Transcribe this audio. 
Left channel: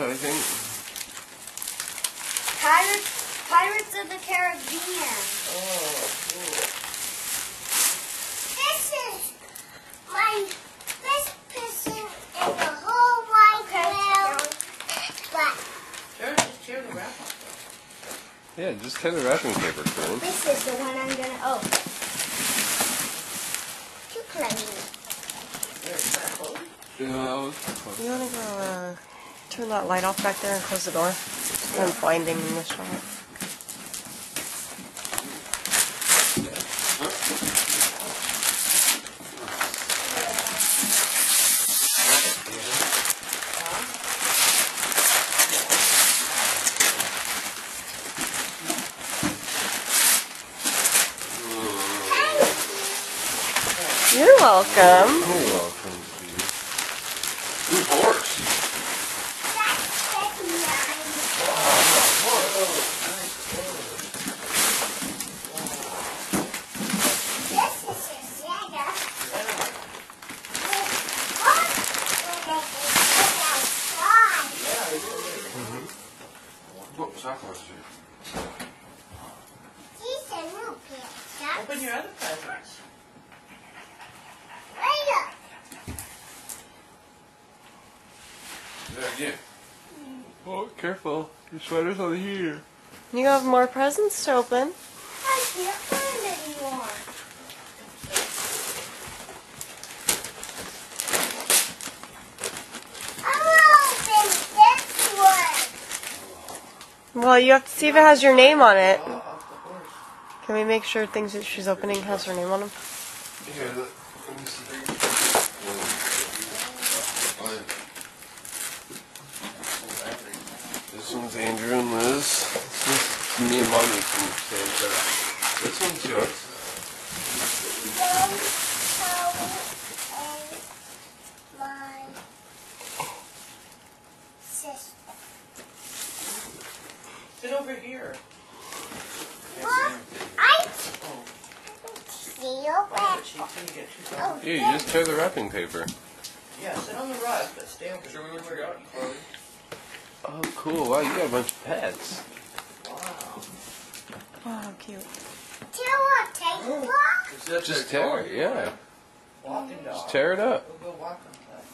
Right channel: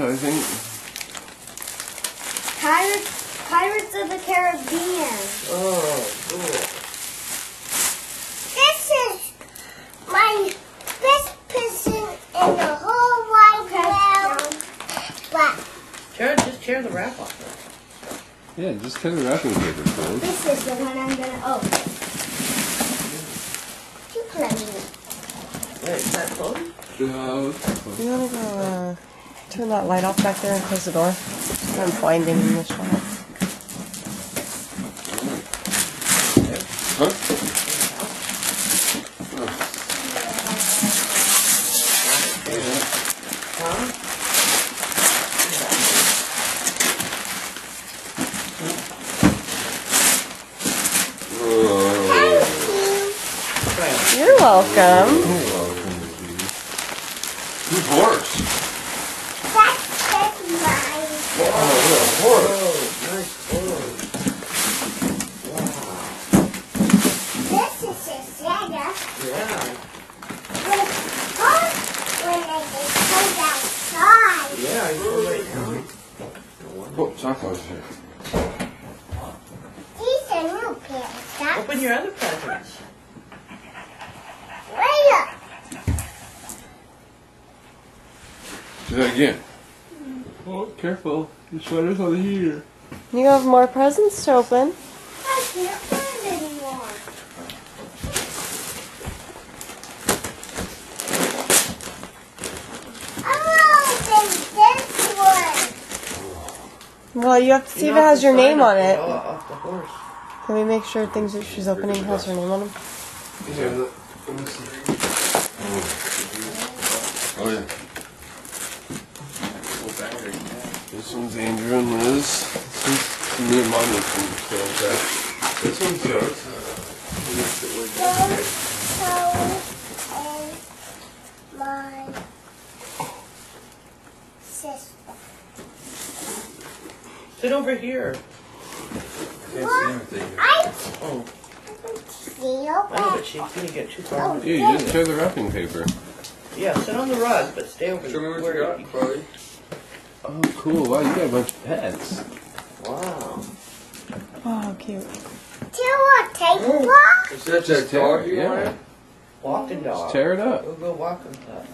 I think. Pirates of the Caribbean. Oh, cool. This is my best present in the whole wide world. But Just tear the wrap off. Yeah, just tear the wrapping paper, Quinn. This is the one I'm gonna open. too plenty. Yeah, is that closed? No. You want to go turn that light off back there and close the door? I'm finding the shot. Huh? You're welcome. Whose horse? That's mine. Oh, horse. Nice clothes. This is a Sega. Yeah. With horse when they go outside. Yeah, it's great. Whoops, I closed here. These are new pants. Open your other presents. Way up. Do that again. Oh, careful. Your sweater's on here. You have more presents to open. I can't find anymore. Well, you have to see if it has your name on it. Off the horse. Can we make sure things that she's opening has her name on them? Here, look. Let me see. Oh, yeah. This one's Andrew and Liz. This is me and Mommy from Santa. This one's yours. And my sister. Sit over here. What? I Oh, see you oh, back. but she's gonna get too far. Here, you just tear the wrapping paper. Yeah, sit on the rug, but stay over Show me what where you got, Chloe. Oh, cool. Wow, you got a bunch of pets. Wow. Oh, how cute. Do a table? Just tear it, yeah. Walking dog. Tear it up. We'll go walk on that.